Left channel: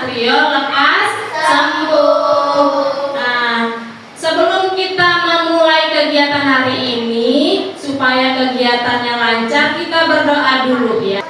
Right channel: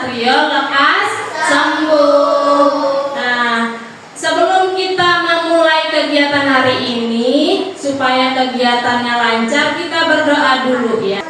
Satrio lekas sembuh. Nah, sebelum kita memulai kegiatan hari ini, supaya kegiatannya lancar, kita berdoa dulu ya.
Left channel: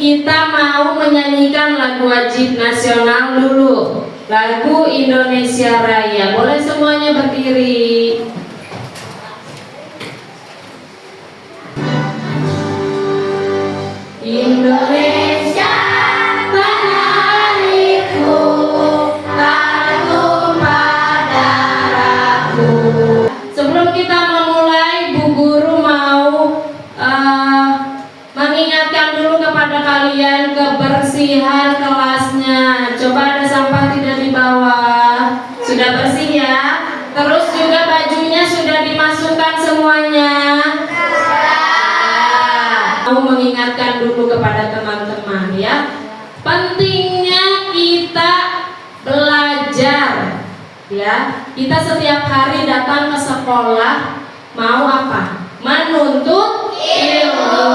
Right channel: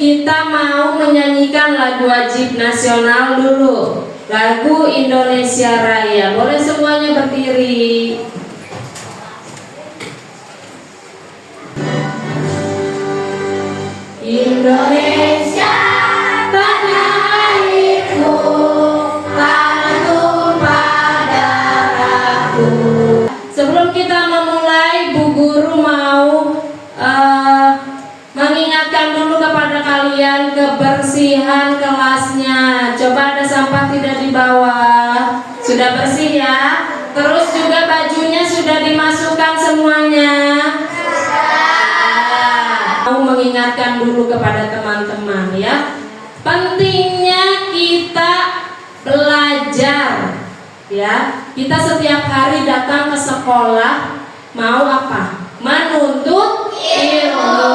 Kita mau menyanyikan lagu wajib nasional dulu, lagu Indonesia Raya. Boleh semuanya berdiri. Indonesia tanah airku, tanah tumpah darahku. Sebelum kita memulai, Bu Guru mau mengingatkan dulu kepada kalian kebersihan kelasnya. Coba ada sampah tidak di bawah? Sudah bersih ya? Terus juga bajunya sudah dimasukkan semuanya? Mau mengingatkan dulu kepada teman-teman ya. Pentingnya kita belajar ya. Kita setiap hari datang ke sekolah mau apa? Menuntut ilmu.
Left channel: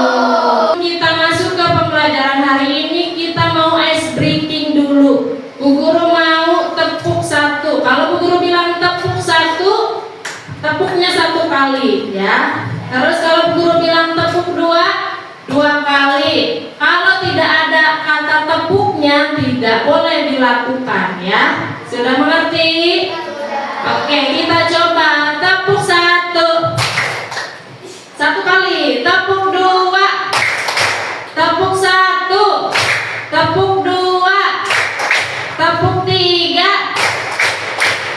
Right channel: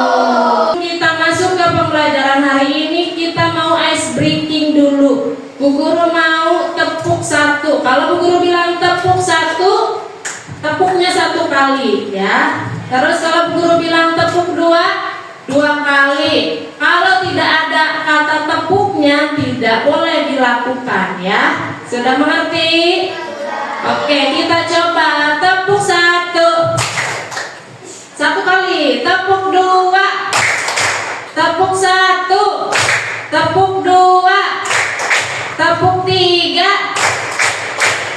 Kita masuk ke pembelajaran hari ini, kita mau ice breaking dulu. Bu Guru mau tepuk satu. Kalau Bu Guru bilang tepuk satu, tepuknya satu kali ya. Terus kalau Bu Guru bilang tepuk dua, dua kali. Kalau tidak ada kata tepuknya, tidak boleh dilakukan ya. Sudah mengerti? Oke, kita coba tepuk satu. Satu kali, tepuk dua, tepuk satu, tepuk dua, tepuk tiga,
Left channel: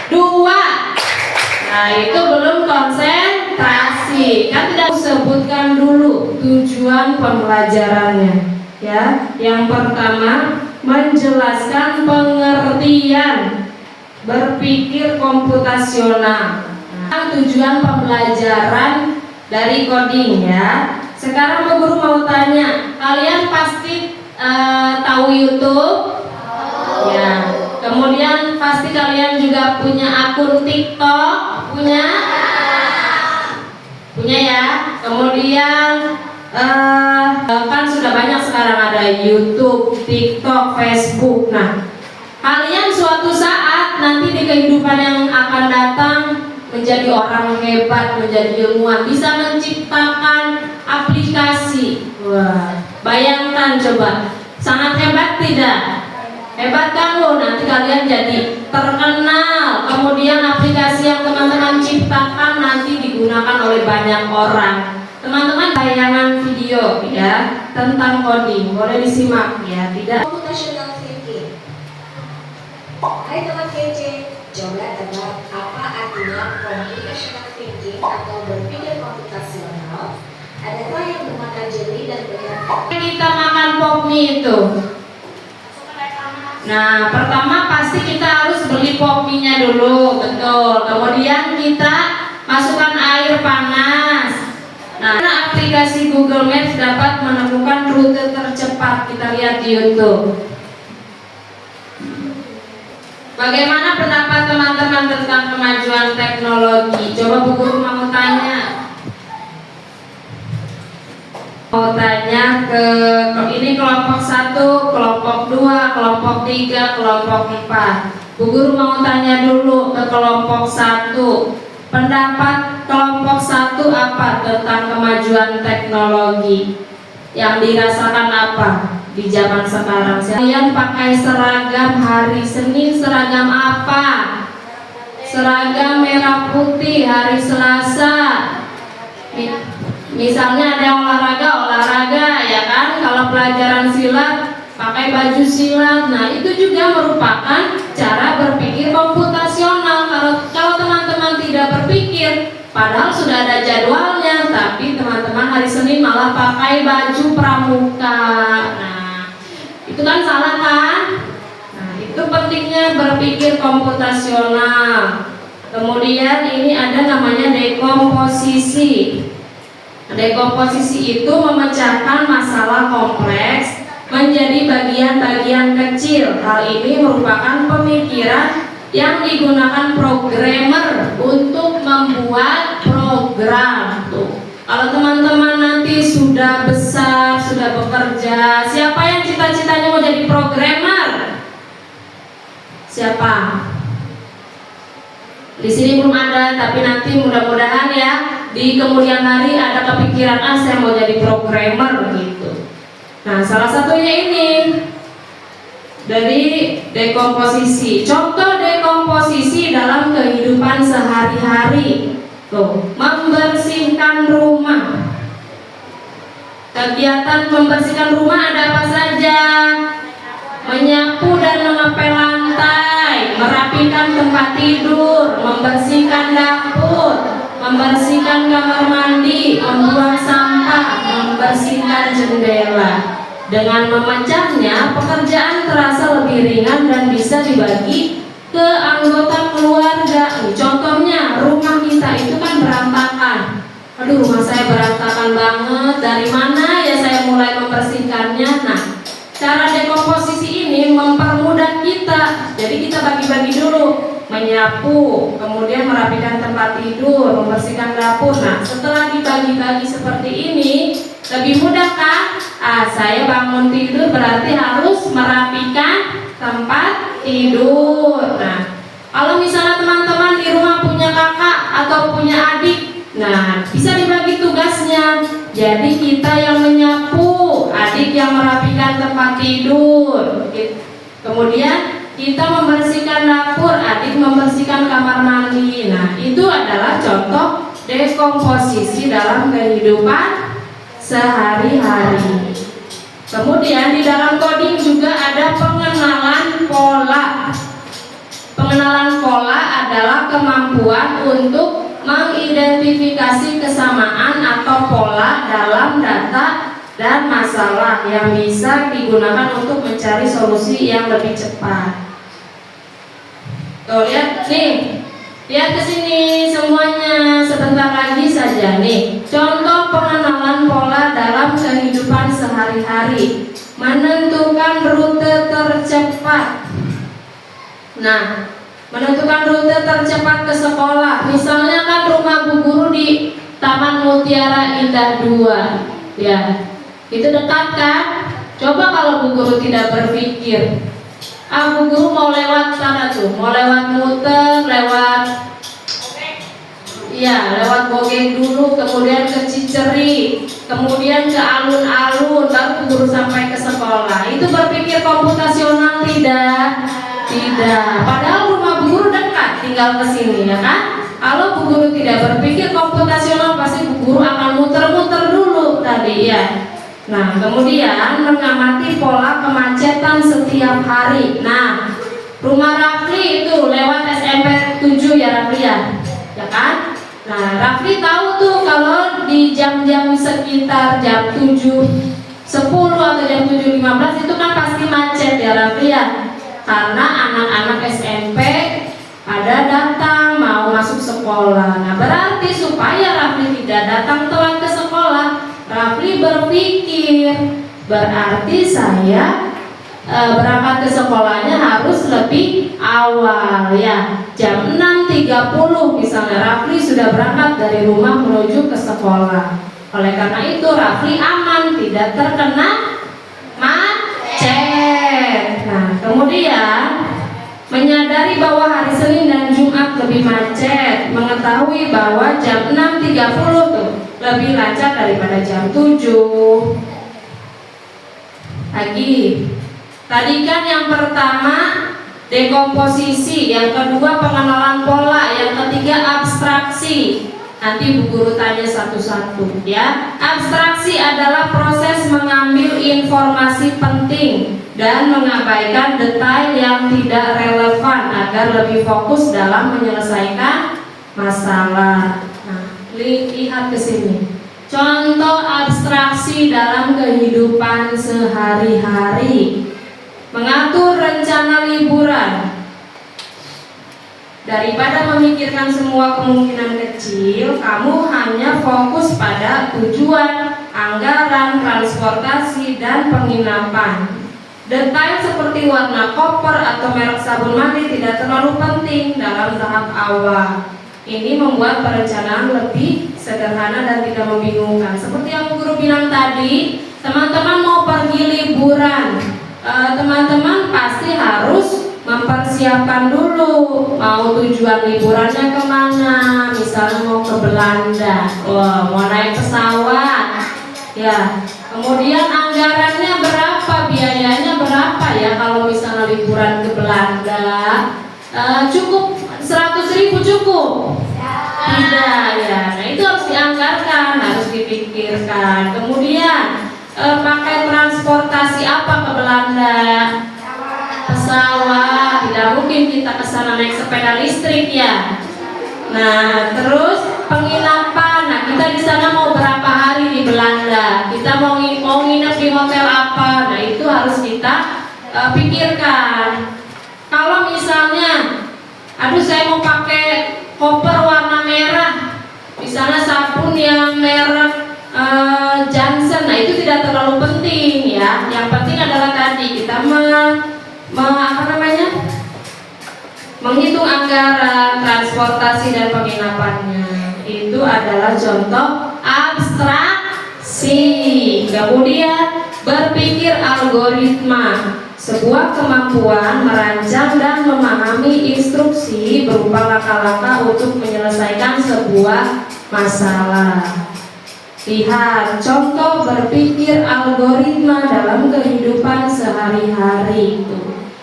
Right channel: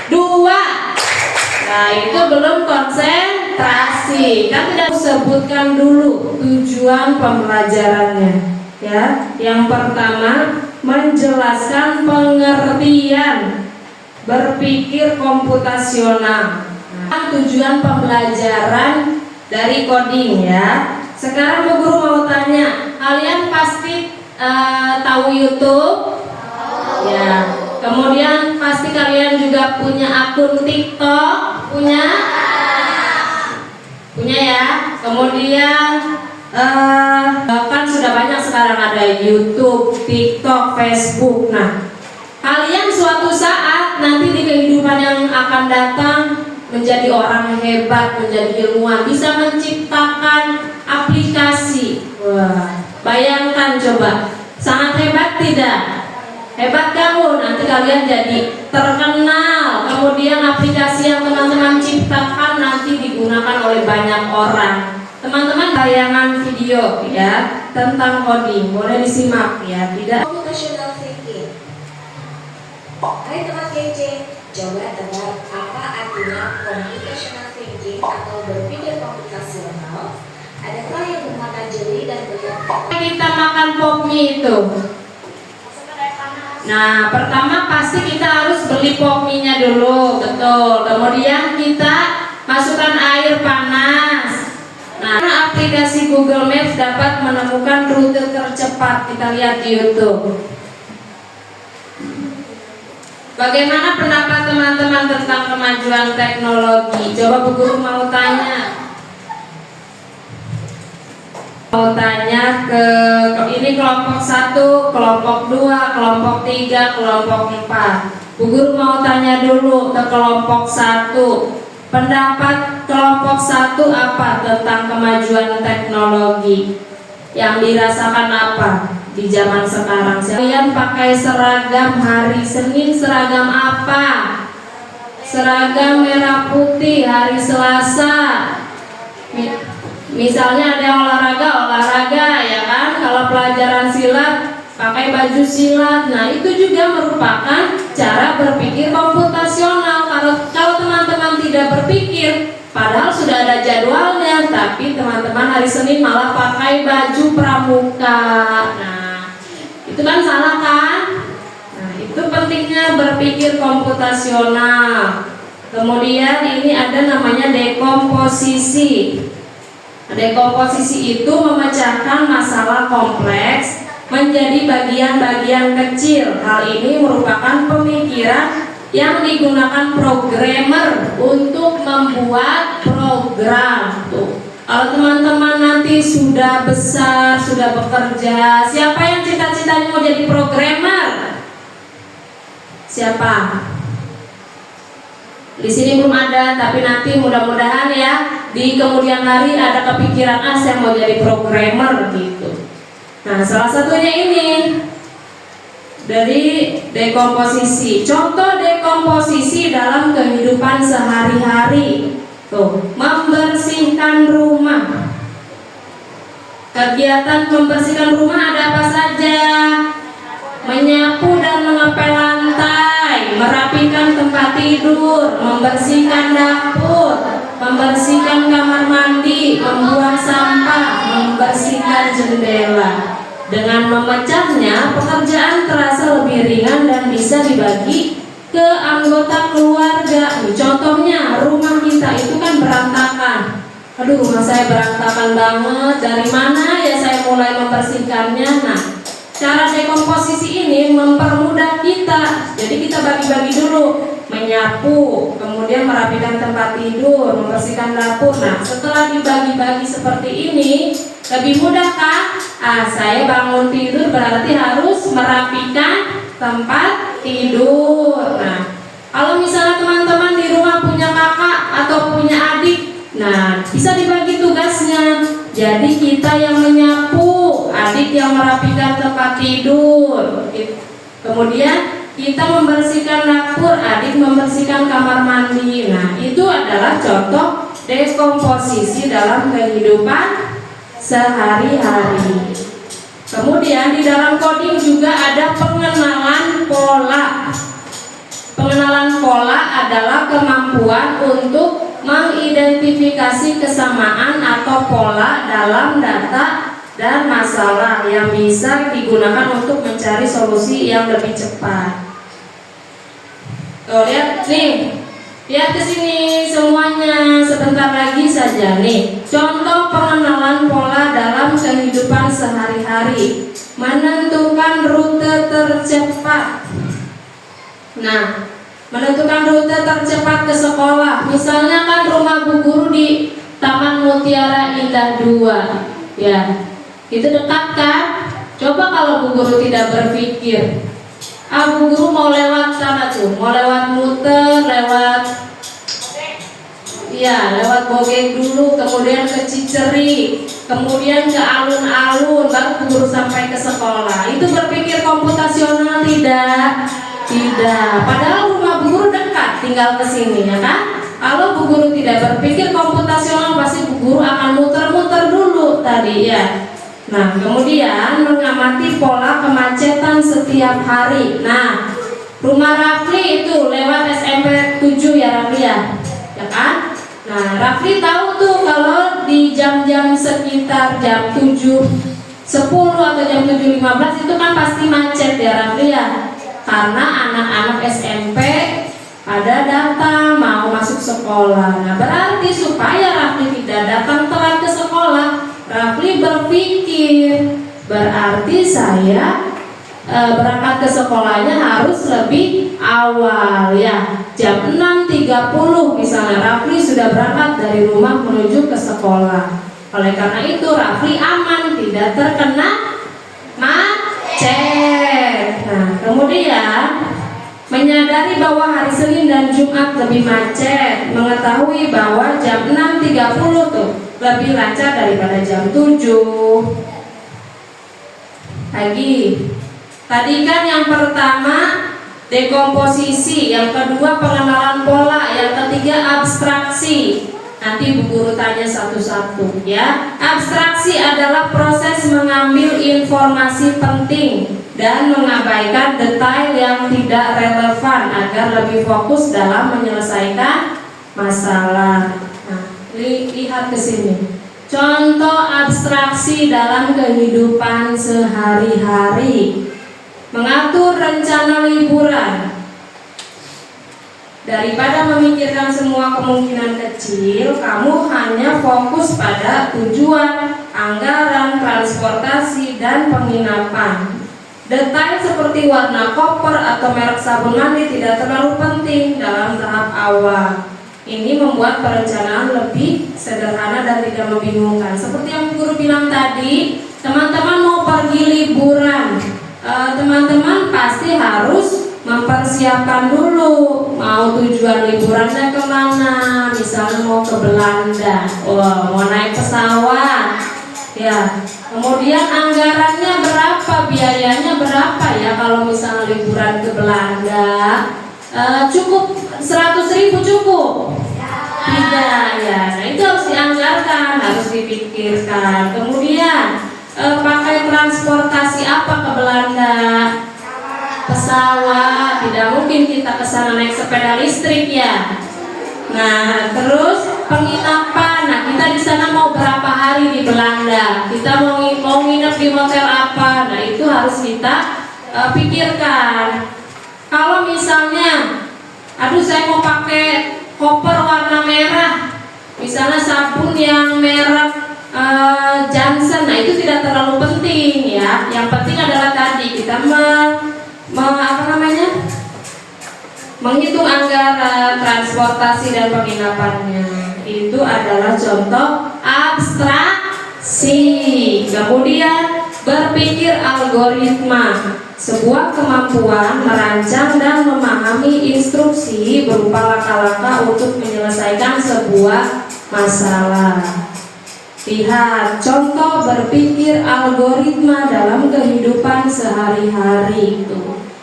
dua. Nah itu belum konsentrasi. Kan tidak sebutkan dulu tujuan pembelajarannya ya. Yang pertama menjelaskan pengertian berpikir komputasional. Nah, tujuan pembelajaran dari coding ya. Sekarang Bu Guru mau tanya, kalian pasti tahu YouTube? Ya. Kemudian pasti kalian juga punya akun TikTok? Punya? Punya ya. Kemudian kan sudah banyak sekarang ada YouTube, TikTok, Facebook. Nah, kalian suatu saat nanti di kehidupan yang akan datang menjadi orang hebat, menjadi ilmuwan, bisa menciptakan aplikasi. Wah, bayangkan coba, sangat hebat tidak? Hebat kamu, nanti kalian jadi terkenal. Kemudian aplikasi yang teman-teman ciptakan nanti digunakan oleh banyak orang. Teman-teman tayangan video ya tentang coding, boleh disimak ya. Tidak. Computational thinking. Hai teman KJ, coba tebak apa artinya computational thinking atau berpikir komputasional? Adakah yang bermata jeli dan bergerak? Kita makan pop mie itu. Nah, pertama pasti kita harus beli pop mie-nya dulu, betul. Kemudian kita masukkan air panas. Nah, aplikasi Google Maps dapat menemukan rute tercepat. Kita lihat di YouTube. Bagaimana pendapat teman-teman tentang kemajuan teknologi? Coba Bu Guru mau tanya. Mau tanya ke ini kelompok 1, kelompok 2, kelompok 3, kelompok 4. Bu Guru mau tanya dulu ke kelompok 1. Pendapat kelompok 1 apa tentang kemajuan teknologi? Yang dirasakan apa di zaman sekarang? Kalian pakai seragam hari Senin, seragam apa? Seragam merah putih. Hari Selasa misalnya ada yang olahraga ya kan. Kalau Kalau pelajaran silat pakai baju silat. Nah, itu juga merupakan cara berpikir komputasional. Kalau teman-teman tidak berpikir, padahal sudah ada jadwalnya, tapi teman-teman hari Senin malah pakai baju pramuka. Nah, itu kan salah kan? Nah, itu pentingnya berpikir komputasional. Kemudian ini ada namanya dekomposisi. Dekomposisi itu memecahkan masalah kompleks menjadi bagian-bagian kecil. Hal ini merupakan pemikiran yang digunakan programmer untuk membuat program. Tuh, kalau teman-teman nanti sudah besar, sudah bekerja, siapa yang cita-citanya mau jadi programmer? Siapa? Di sini belum ada, tapi nanti mudah-mudahan ya di kemudian hari ada kepikiran, saya mau jadi programmer gitu. Nah, salah satunya ini dari dekomposisi. Contoh dekomposisi dalam kehidupan sehari-hari. Tuh, membersihkan rumah. Kegiatan membersihkan rumah ada apa saja? Menyapu dan mengepel lantai, merapikan tempat tidur, membersihkan dapur, membersihkan kamar mandi, membuang sampah, membersihkan jendela. Dengan memecahnya, pekerjaan terasa lebih ringan dan bisa dibagi ke anggota keluarga. Contohnya, rumah kita itu kan berantakan. Aduh, rumah saya berantakan banget. Dari mana ya saya mulai membersihkannya? Nah, cara dekomposisi ini mempermudah kita. Jadi kita bagi-bagi dulu. Menyapu, kemudian merapikan tempat tidur, membersihkan dapur. Nah, setelah dibagi-bagi seperti ini, lebih mudah kan? Saya bangun tidur berarti harus merapikan tempat tidur. Nah, kalau misalnya teman-teman di rumah punya kakak atau punya adik, nah bisa dibagi tugasnya. Jadi kita yang menyapu, adik yang merapikan tempat tidur. Kemudian kita membersihkan dapur, adik membersihkan kamar mandi. Nah, itu adalah contoh dekomposisi dalam kehidupan sehari-hari. Kemudian di dalam coding juga ada pengenalan pola. Pengenalan pola adalah kemampuan untuk mengidentifikasi kesamaan atau pola dalam data dan masalah yang bisa digunakan untuk mencari solusi yang lebih cepat. Tuh, lihat nih. Lihat ke sini semuanya, sebentar lagi saja nih. Contoh pengenalan pola dalam kehidupan sehari-hari. Menentukan rute tercepat. Nah, menentukan rute tercepat ke sekolah. Misalnya kan rumah Bu Guru di Taman Mutiara Indah 2. Ya, itu dekat kan? Coba kalau Bu Guru tidak berpikir, Bu Guru mau lewat sana tuh, mau lewat muter, lewat Bogeng dulu, kemudian ke Ciceri, kemudian ke alun-alun, baru Bu Guru sampai ke sekolah. Itu berpikir komputasional tidak? Tidak. Padahal rumah Bu Guru dekat, tinggal ke sini ya kan? Kalau Bu Guru tidak berpikir komputasional, pasti Bu Guru akan muter-muter dulu tadi ya. Nah, kemudian mengamati pola kemacetan setiap hari. Nah, rumah Rafli itu lewat SMP 7 ya Rafli ya kan? Nah, Rafli tahu tuh kalau di jam-jam sekitar jam 7.10 atau jam 7.15 itu kan pasti macet ya Rafli ya. Karena anak-anak SMP ada datang mau masuk sekolah. Nah, berarti supaya Rafli tidak datang telat ke sekolah, Rafli berpikir, berarti saya berangkat ke sekolahnya harus lebih awal ya. Jam 6.30 misalnya Rafli sudah berangkat dari rumah menuju ke sekolah. Oleh karena itu Rafli aman, tidak terkena macet. Nah, kemudian menyadari bahwa hari Senin dan Jumat lebih macet, mengetahui bahwa jam 6.30 tuh lebih lancar daripada jam 7. Lagi, tadi kan yang pertama dekomposisi, yang kedua pengenalan pola, yang ketiga abstraksi. Nanti Bu Guru tanya satu-satu ya. Abstraksi adalah proses mengambil informasi informasi penting dan mengabaikan detail yang tidak relevan agar lebih fokus dalam menyelesaikan masalah. Nah, lihat ke sini. Contoh abstraksi dalam kehidupan sehari-hari. Mengatur rencana liburan. Daripada memikirkan semua kemungkinan kecil, kamu hanya fokus pada tujuan, anggaran, transportasi, dan penginapan. Detail seperti warna koper atau merek sabun mandi tidak terlalu penting dalam tahap awal. Ini membuat perencanaan lebih sederhana dan tidak membingungkan. Seperti yang guru bilang tadi, teman-teman mau pergi liburan, teman-teman pasti harus mempersiapkan dulu mau tujuan liburannya kemana. Misalnya mau ke Belanda, mau naik pesawat, ya. Kemudian anggarannya berapa, biayanya berapa ya kalau misalnya liburan ke Belanda? Cukup 100.000 cukup? Tidak ya. Nah itu harus dianggarkan, harus dipikirkan. Kemudian pakai transportasi apa ke Belanda? Pesawat, tidak mungkin kita ke sana naik sepeda listrik ya. Nah, terus penginapan. Nah, kita di sana mau berapa hari di Belanda? Kita mau nginep di hotel apa? Nah, itu harus kita pikirkan. Kalau misalnya, aduh saya mau pakai koper warna merah, misalnya sabun yang merek Johnson, nah itu tidak terlalu penting ya. Yang penting adalah tadi kita menghitung anggaran, transportasi dan penginapannya. Itu adalah contoh abstraksi. Kemudian berpikir algoritma, sebuah kemampuan merancang dan memahami instruksi berupa langkah-langkah untuk menyelesaikan sebuah masalah. Lihat contoh berpikir algoritma dalam kehidupan sehari-hari.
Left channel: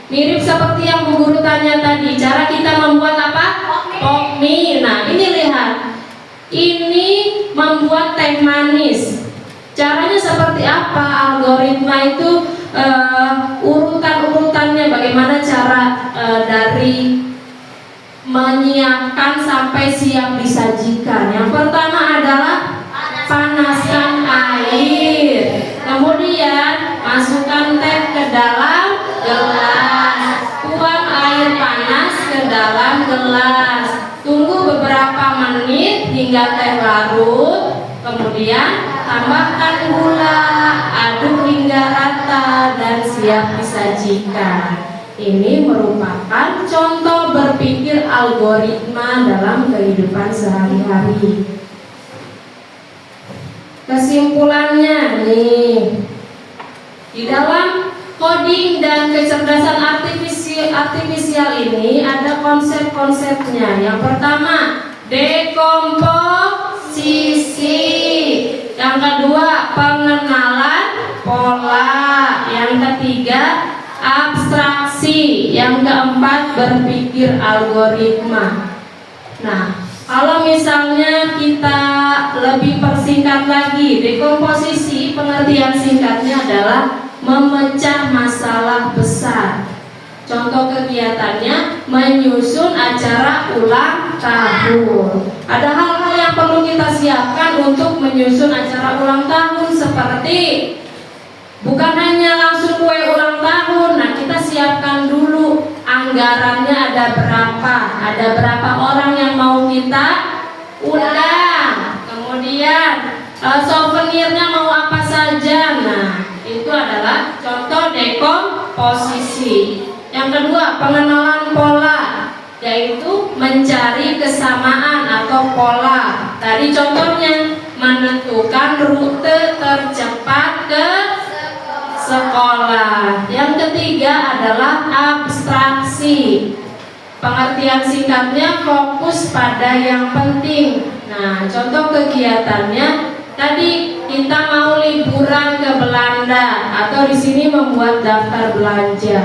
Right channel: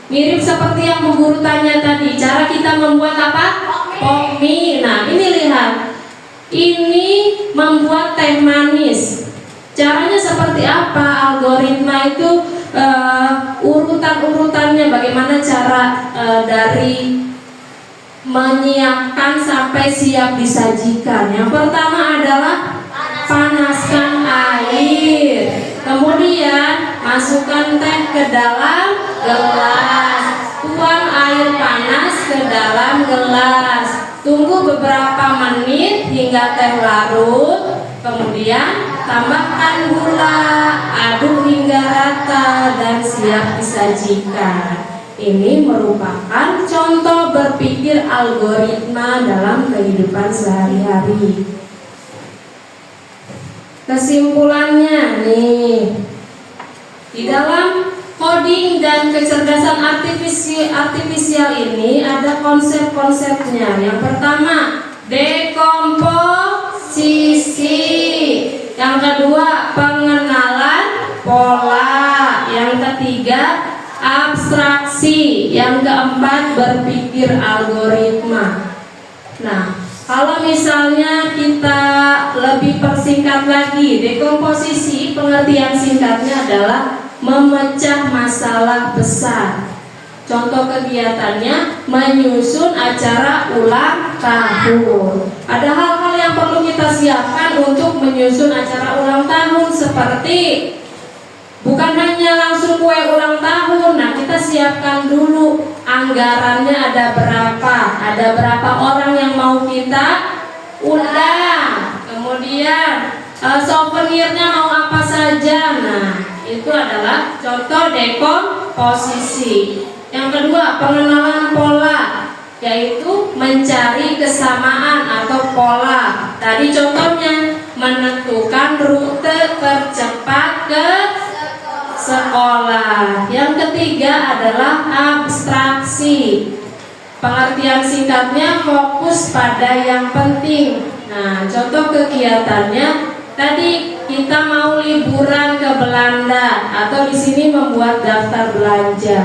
Mirip seperti yang Bu Guru tanya tadi, cara kita membuat apa? Pokmi. Nah ini lihat, ini membuat teh manis. Caranya seperti apa? Algoritma itu urutan-urutannya, bagaimana cara dari menyiapkan sampai siap disajikan. Yang pertama adalah panaskan air, kemudian masukkan teh ke dalam gelas, tuang air panas ke dalam gelas, tunggu beberapa menit hingga teh larut, kemudian tambahkan gula, aduk hingga rata dan siap disajikan. Ini merupakan contoh berpikir algoritma dalam kehidupan sehari-hari. Kesimpulannya nih, di dalam coding dan kecerdasan artifisial ini ada konsep-konsepnya. Yang pertama, dekomposisi. Yang kedua, pengenalan pola. Yang ketiga, abstraksi. Yang keempat, berpikir algoritma. Nah, kalau misalnya kita lebih persingkat lagi, dekomposisi pengertian singkatnya adalah memecah masalah besar. Contoh kegiatannya menyusun acara ulang tahun. Ada hal-hal yang perlu kita siapkan untuk menyusun acara ulang tahun, seperti bukan hanya langsung kue ulang tahun. Nah, kita siapkan dulu anggarannya ada berapa orang yang mau kita undang, kemudian souvenirnya mau apa saja. Nah, itu adalah contoh dekomposisi. Yang kedua, pengenalan pola, yaitu mencari kesamaan atau pola. Tadi contohnya menentukan rute tercepat ke sekolah. Yang ketiga adalah abstraksi. Pengertian singkatnya fokus pada yang penting. Nah, contoh kegiatannya tadi kita mau liburan ke Belanda, atau di sini membuat daftar belanja.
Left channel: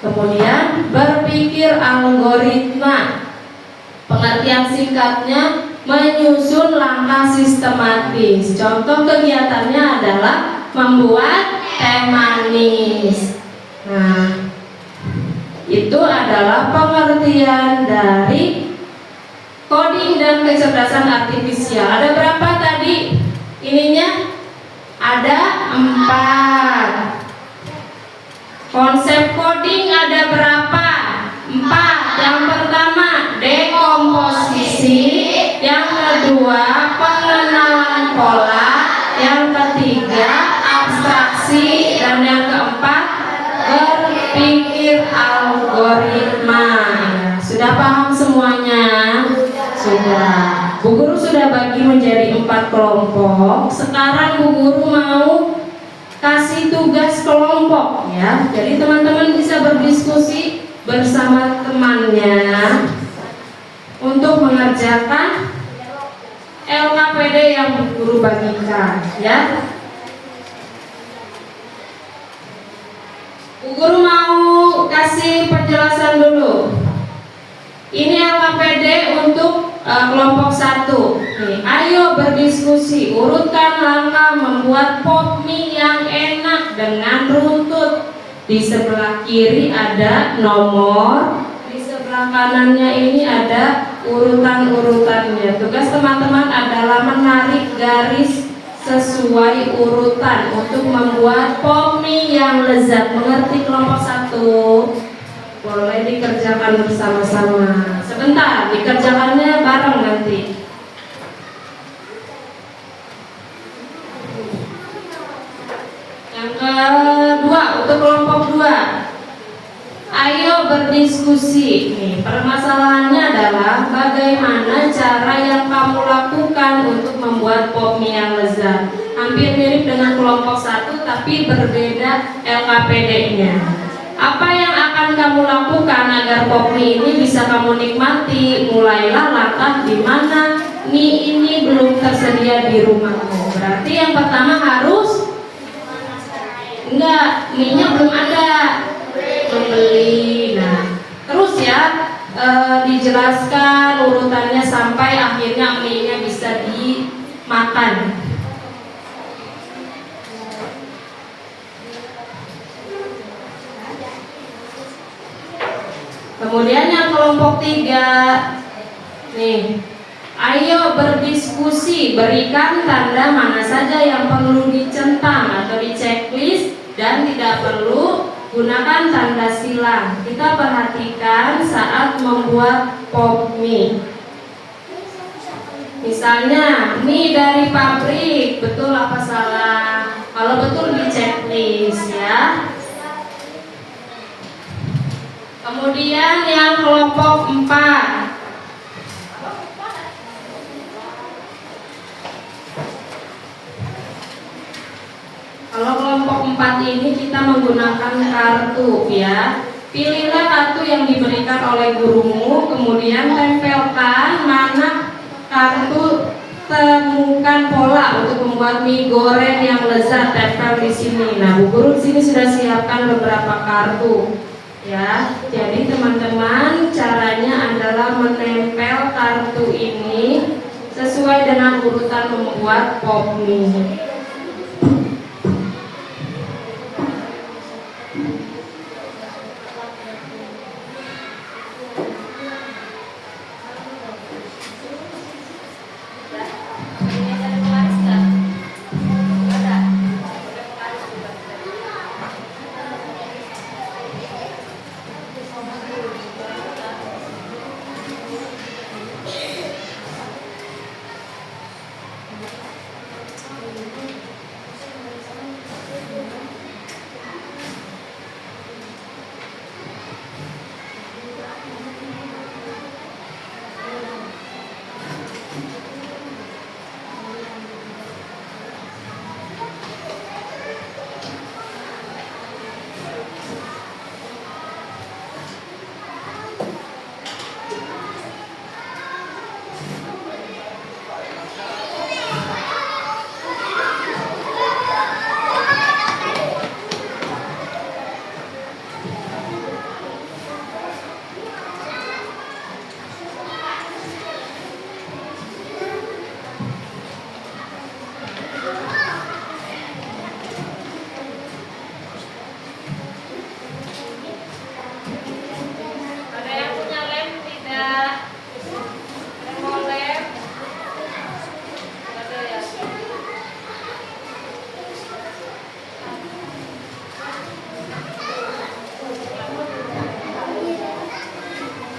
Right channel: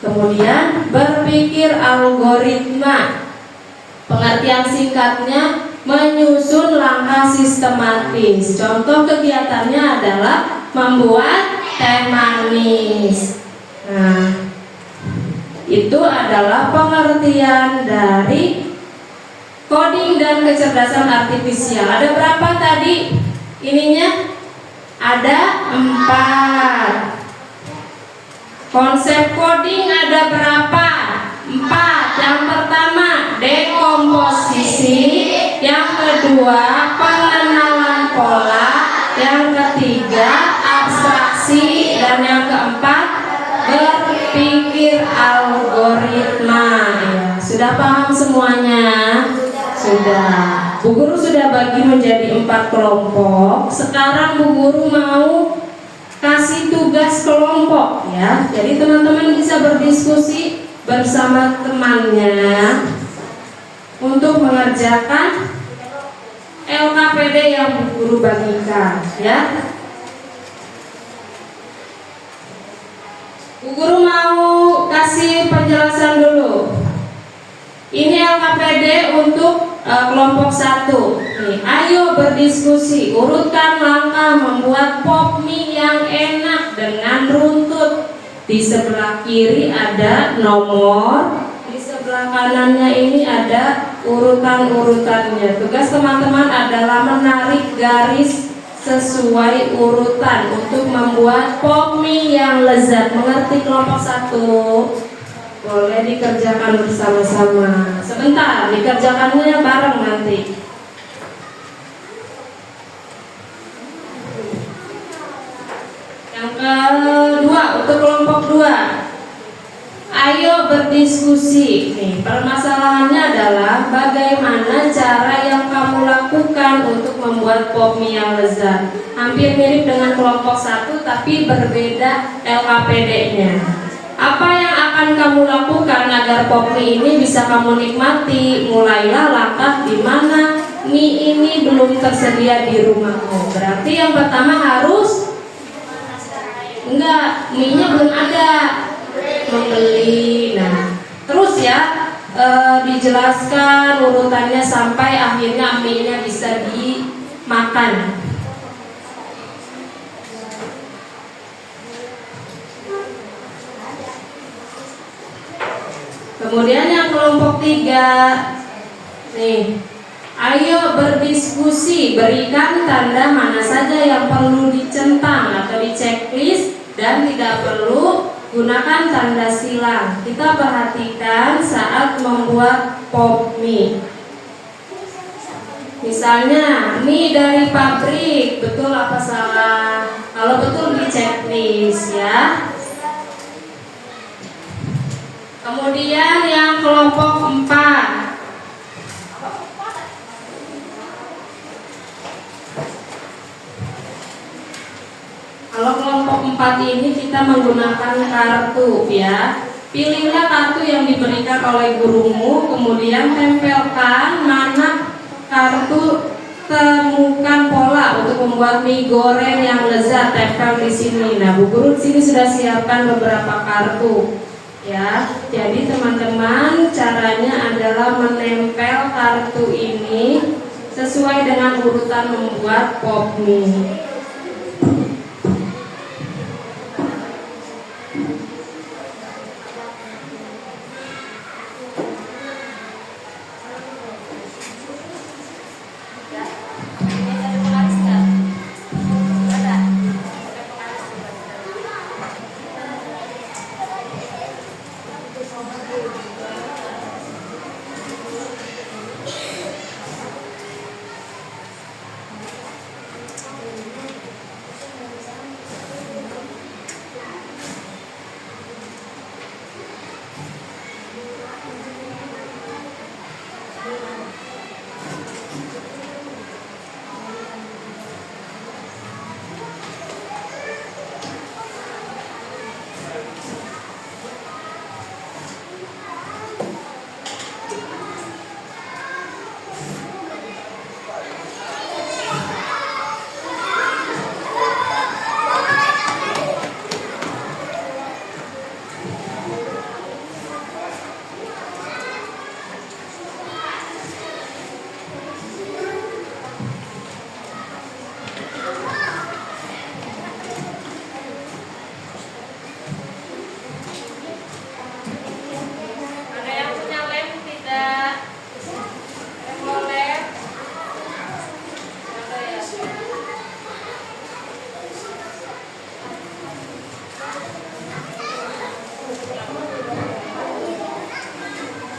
Kemudian berpikir algoritma. Pengertian singkatnya menyusun langkah sistematis. Contoh kegiatannya adalah membuat teh manis. Nah, itu adalah pengertian dari coding dan kecerdasan artifisial. Ada berapa tadi ininya? Ada 4. Konsep coding ada berapa? 4. Yang pertama dekomposisi, yang kedua pengenalan pola, yang ketiga abstraksi, dan yang keempat berpikir algoritma. Ya, sudah paham semuanya? Sudah. Bu Guru sudah bagi menjadi 4 kelompok. Sekarang Bu Guru mau kasih tugas kelompok ya. Jadi teman-teman bisa berdiskusi bersama temannya untuk mengerjakan LKPD yang Bu Guru bagikan ya. Bu Guru mau kasih penjelasan dulu. Ini LKPD untuk kelompok 1. Nih, ayo berdiskusi, urutkan langkah membuat pop mie yang enak dengan runtut. Di sebelah kiri ada nomor, di sebelah kanannya ini ada urutan-urutannya. Tugas teman-teman adalah menarik garis sesuai urutan untuk membuat pop mie yang lezat. Mengerti kelompok 1? Boleh dikerjakan bersama-sama. Sebentar, dikerjakannya bareng nanti. Yang kedua, untuk kelompok 2, ayo berdiskusi. Nih, permasalahannya adalah bagaimana cara yang kamu lakukan untuk membuat pop mie yang lezat. Hampir mirip dengan kelompok 1 tapi berbeda LKPD-nya. Apa yang akan kamu lakukan agar pop mie ini bisa kamu nikmati? Mulailah langkah di mana mie ini belum tersedia di rumahmu. Berarti yang pertama harus mie-nya belum ada, membeli. Nah, terus ya dijelaskan urutannya sampai akhirnya mie-nya bisa dimakan. Kemudian yang kelompok 3, nih, ayo berdiskusi, berikan tanda mana saja yang perlu dicentang atau di checklist dan tidak perlu gunakan tanda silang. Kita perhatikan saat membuat pop mie. Misalnya, mie dari pabrik, betul apa salah? Kalau betul di checklist ya. Kemudian yang kelompok 4, kalau kelompok 4 ini kita menggunakan kartu ya. Pilihlah kartu yang diberikan oleh gurumu, kemudian tempelkan mana kartu, temukan pola untuk membuat mie goreng yang lezat, tempel di sini. Nah, Bu Guru di sini sudah siapkan beberapa kartu. Ya, jadi teman-teman caranya adalah menempel kartu ini sesuai dengan urutan membuat pop mie.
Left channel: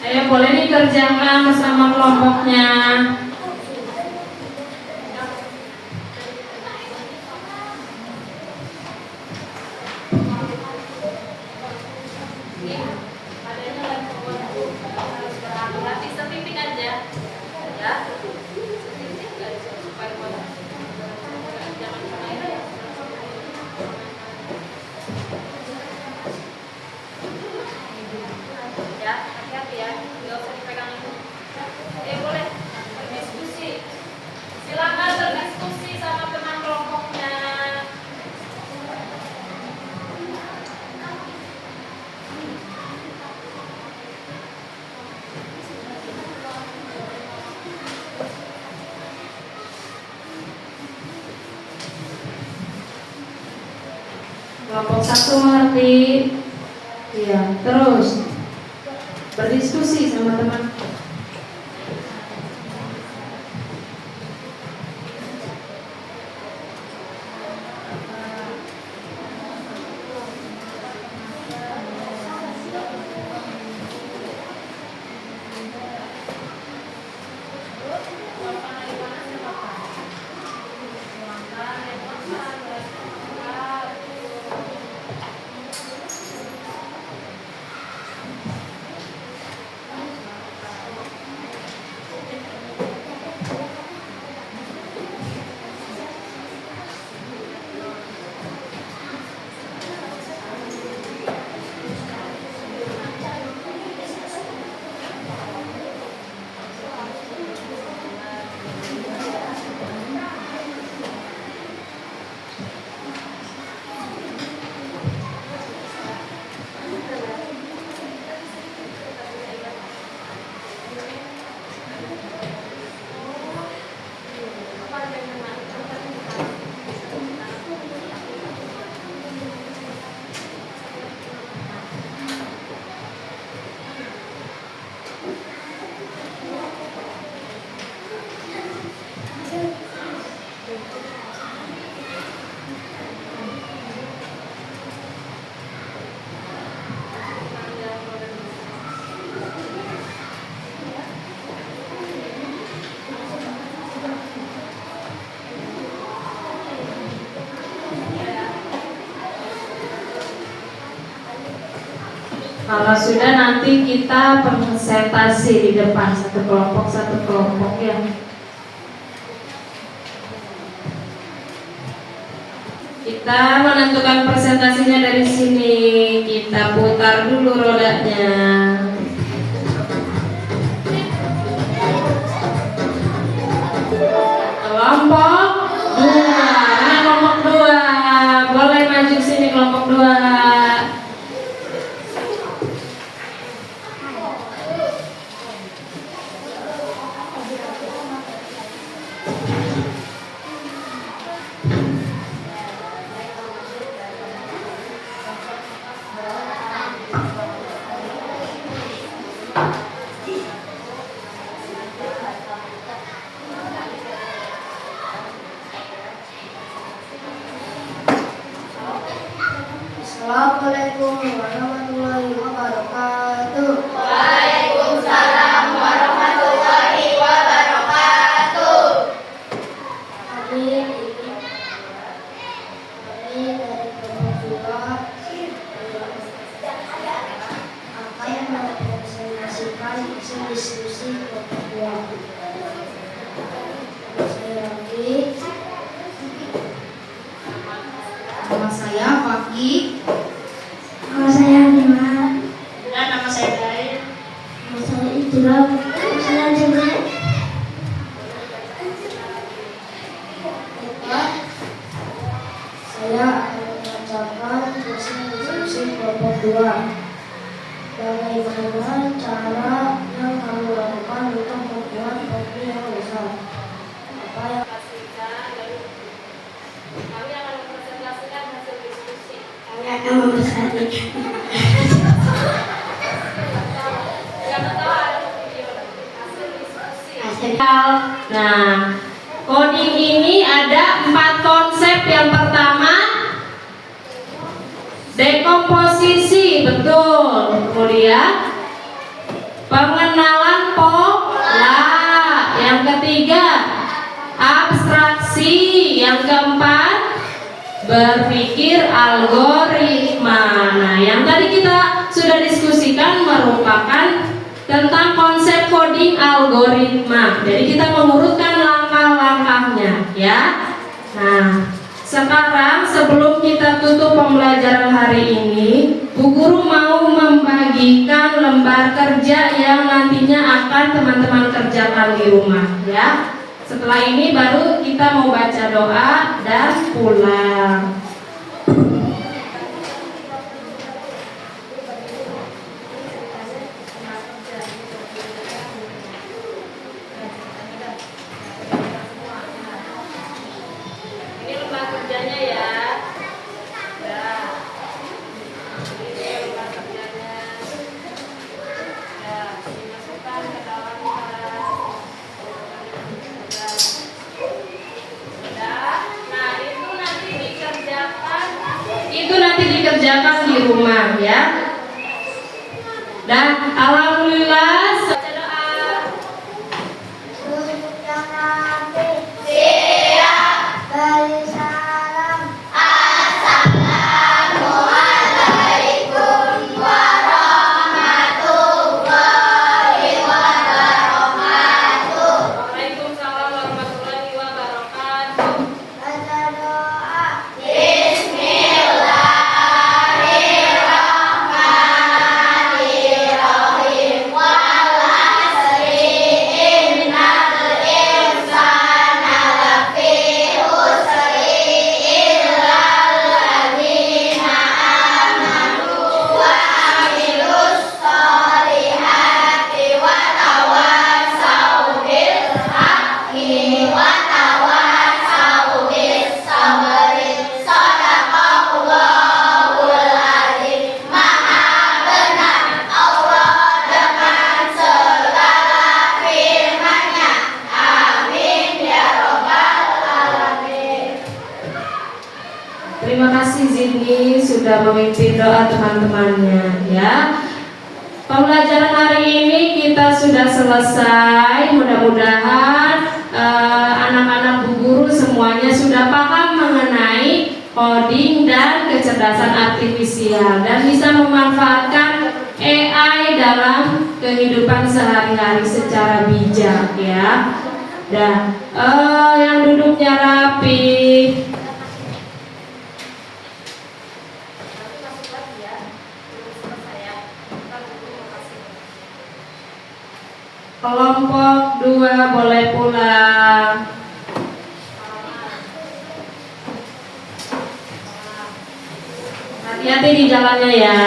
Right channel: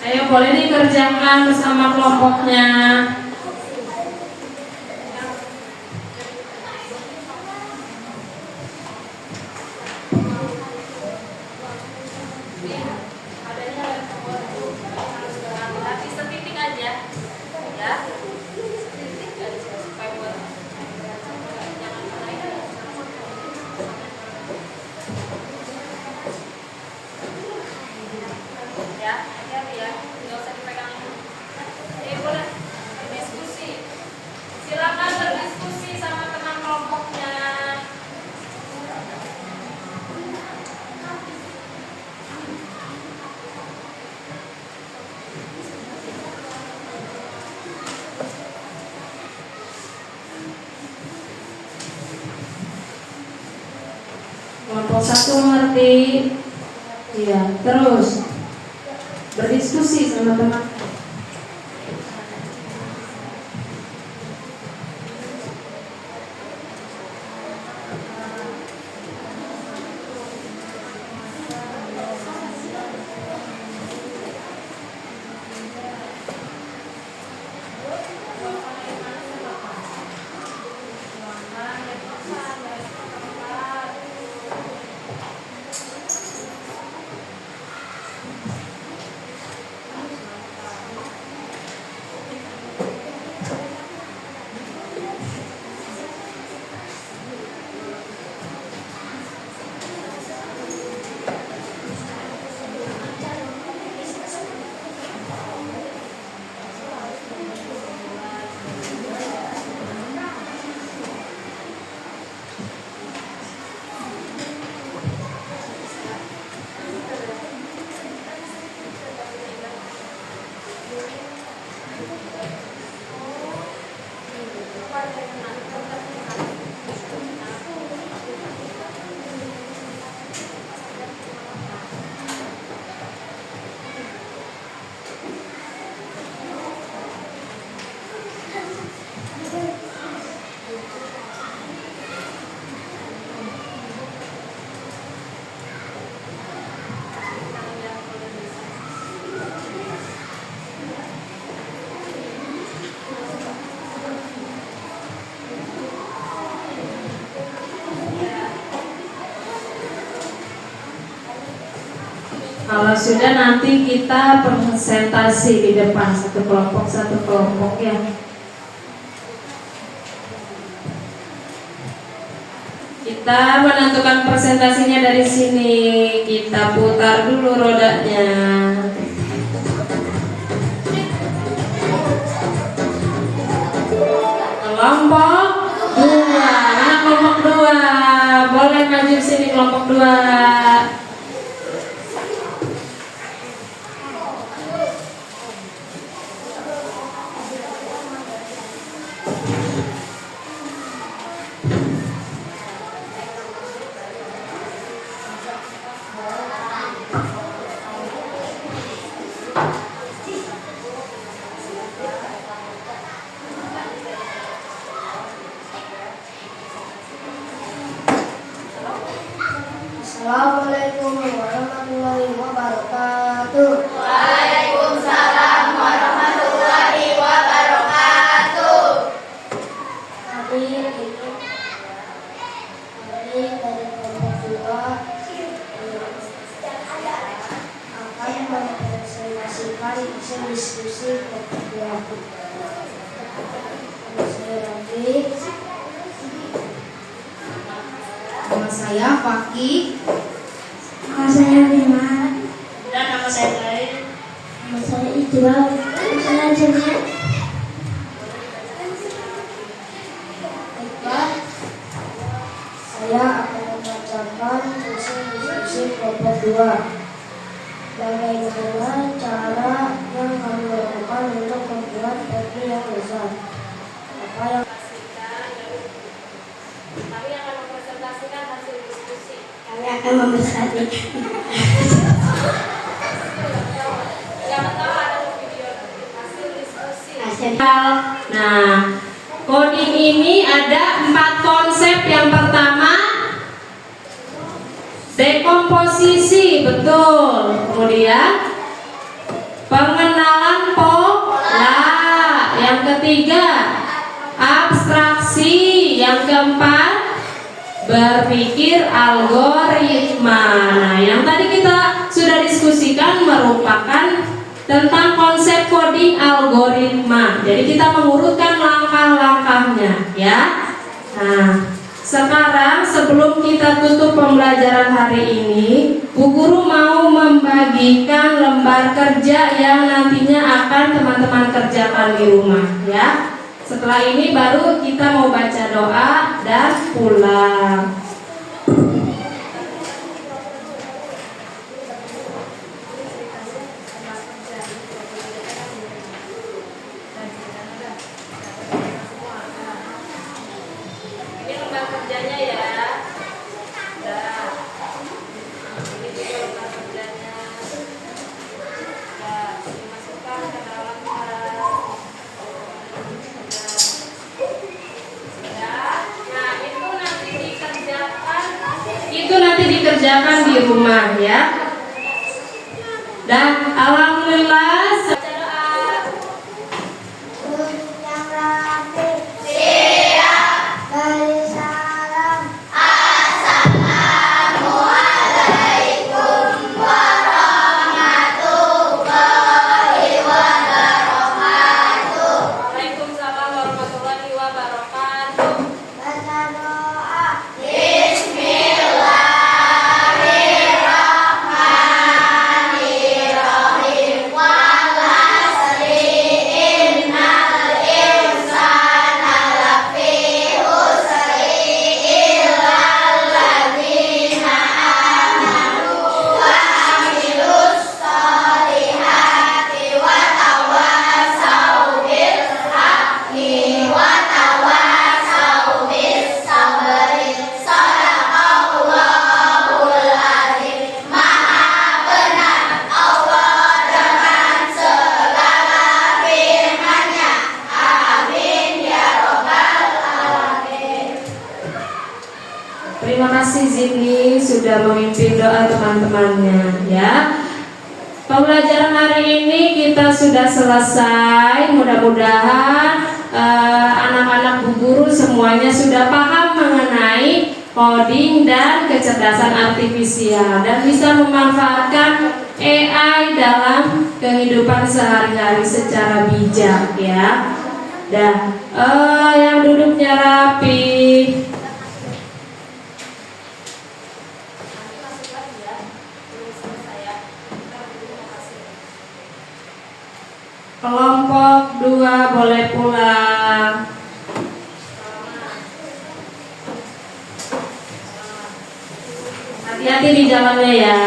Ayo boleh dikerjakan bersama kelompoknya. Kelompok 1 mengerti? Iya, terus berdiskusi sama teman. Kalau sudah nanti kita presentasi di depan satu kelompok ya. Kita menentukan presentasinya dari sini. Kita putar dulu rodanya. Kelompok 2. Nah, kelompok 2 boleh maju sini kelompok 2. Assalamualaikum warahmatullahi wabarakatuh. Waalaikumsalam warahmatullahi wabarakatuh. Kami dari kelompok 2 akan mempresentasikan hasil diskusi kelompok 2. Sekali lagi, nama saya Fakih. Nama saya Bima. Dan nama saya Dain. Nama saya Ijrab. Nama saya Jumat. Baiklah, saya akan membacakan hasil diskusi kelompok 2. Bagaimana cara yang kami lakukan untuk membuat kopi yang besar? Apa yang Kami akan mempresentasikan hasil diskusi. Kami akan mempresentasikan Yang pertama ada video hasil diskusi. hasil. Nah, coding ini ada 4 konsep. Yang pertama, dekomposisi, betul. Kemudian, pengertian berpikir algoritma. Nah, yang tadi kita sudah diskusikan merupakan tentang konsep coding algoritma. Jadi kita mengurutkan langkah-langkahnya, ya. Nah, sekarang sebelum kita tutup pembelajaran hari ini, Bu Guru mau membagikan lembar kerja yang nantinya akan teman-teman kerjakan di rumah, ya. Setelah ini baru kita mau baca doa dan pulang. Ini lembar kerjanya ya. Nah, ini dia lembar kerjanya. Ya, dimasukkan ke dalam tas. Itu nanti dikerjakan di rumah, ya. Dan alhamdulillah baca doa. Untuk yang rapi, siap, beri salam. Assalamualaikum warahmatullahi wabarakatuh. Waalaikumsalam warahmatullahi wabarakatuh. Baca doa. Bismillahirrahmanirrahim. Wal asri innal insana lafi khusri illal ladzina amanu wa amilus solihati wa tawassaw bil haqqi wa tawassaw bis sabri. Shadaqallahul adzim. Maha benar Allah dengan segala firman-Nya. Amin ya robbal alamin. Terima kasih Zidni sudah memimpin doa teman-temannya, ya. Pembelajaran hari ini kita sudah selesai. Mudah-mudahan anak-anak Bu Guru semuanya sudah paham mengenai coding dan kecerdasan artifisial dan bisa memanfaatkan AI dalam kehidupan sehari-hari secara bijak, ya. Dan yang duduknya rapi. Kelompok 2 boleh pulang. Hati-hati di jalannya ya.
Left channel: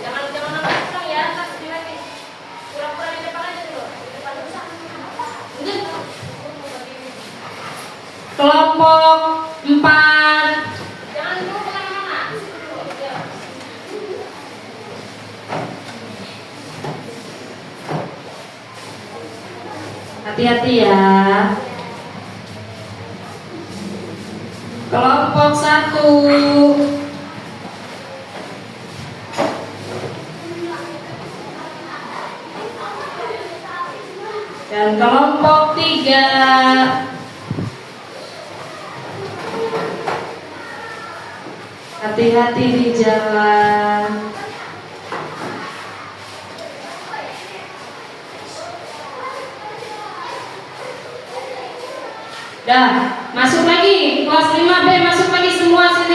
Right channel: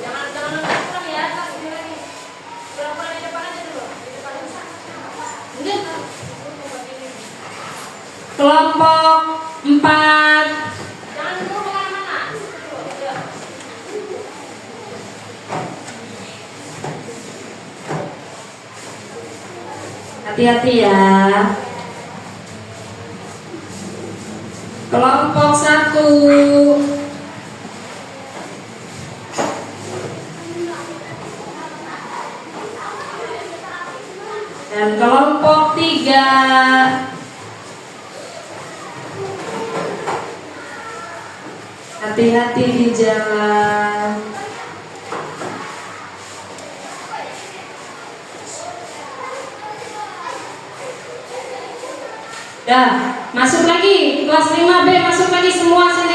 Jangan pulang ya, kasih lagi. Pulang-pulang di depan aja dulu. Di depan bisa. Kelompok 4. Jangan dulu kemana-mana. Hati-hati ya. Kelompok 1. Dan kelompok 3. Hati-hati di jalan. Dah, masuk lagi kelas 5B, masuk lagi semua sini.